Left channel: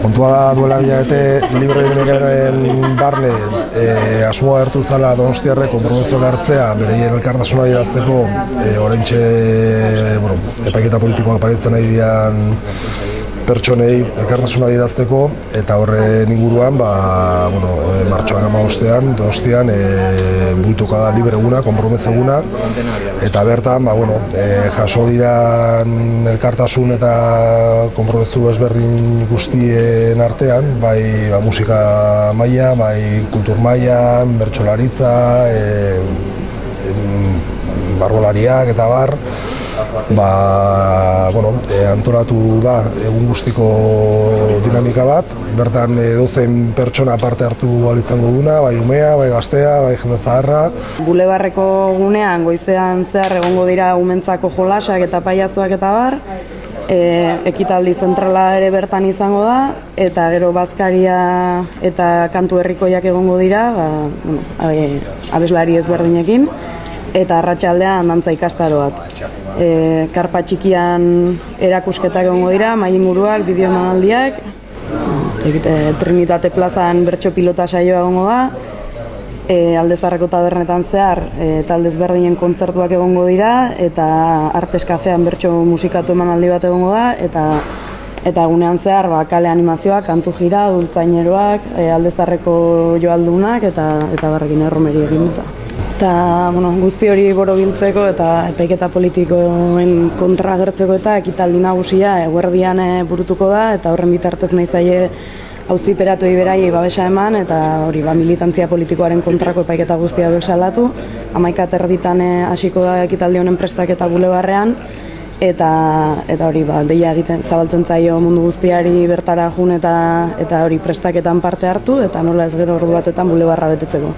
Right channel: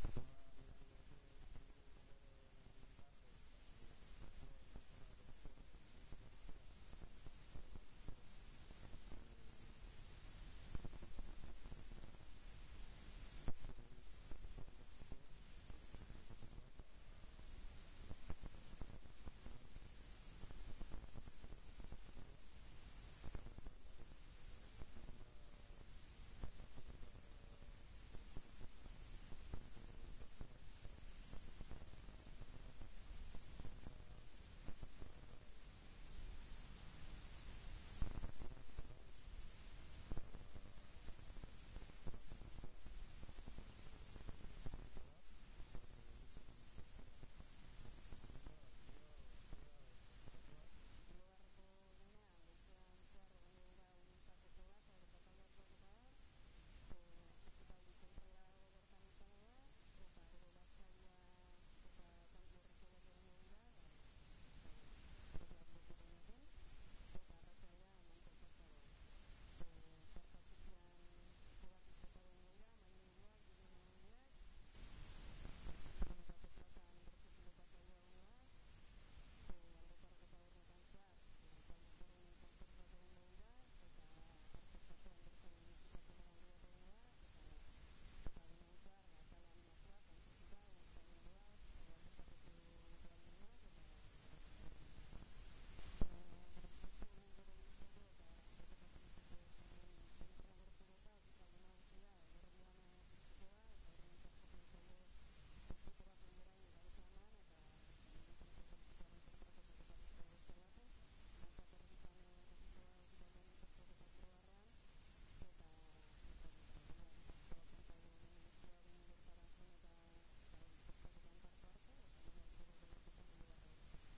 Kontua da duela bilabete libre dinamikaren barne asmoa hartu zala Donostiarrek konpromisoa hartzea bereien elkartasuna adierazteko oraintxe epaiketa politikoak aparitzen ari diren pertsonei elkartasuna adierazteko eta horren inguruan martxoak 15ean Donostian bultuko da libre eguna, konpromiso eguna eta bertan jaso diran elkartasun eta konpromiso ezberdin guztien artean, bai musika maila, bai kultur maila, bertsolaritza, margolariak eta bar, antolatu da egun guztiko dinamika bat, bertan edozein pertsona parte hartu ahal izango duna, bai umea, bai gaztea, bai jende zaharra. Bulebarreko gunean goizean zehar egongo dira umentzako jolasak eta paiazoak eta bar, ekitaldi zentrala ere bertan izango da, eta gero bazkaria eta kantu herrikoiak egongo dira, abeslari ezberdinekin, eta arratsaldean dantza ikastaroak. Karpa txikian erakusketak egongo dira, mahai inguruak, bideo emanaldiak, Trinitate plazan bertso pilota saioa egongo da, Alde Zaharreko tabernetan zehar talde ezberdinen kontzertuak egongo dira, eta Artes Kafean bertso musikatu emanaldi bat egongo da, eta egunean zehar kale animazioak, kantu jira, dultzaineroak, Alde Zaharreko joaldunak eta barrekin erromeriekin dut. Eta guzti hori borobiltzeko eta epaiketa politikoen kontra agertzeko eta ekitaldi nagusia eguerdian burutuko da, eta horren bitartez nahi zaie auziperatuei beraiei babesa eman eta hori militantzia politikoaren kontrako epaiketa guztia hauek salatu. 11:30 hasiko da ekitaldi honen prestaketa Bulebarrean eta hori deia egiten zabaltzen zaio mundu guztiari bertara jun eta hori prestaketan parte hartu eta nola ez gero ordu batetan Bulebarra betetzeko.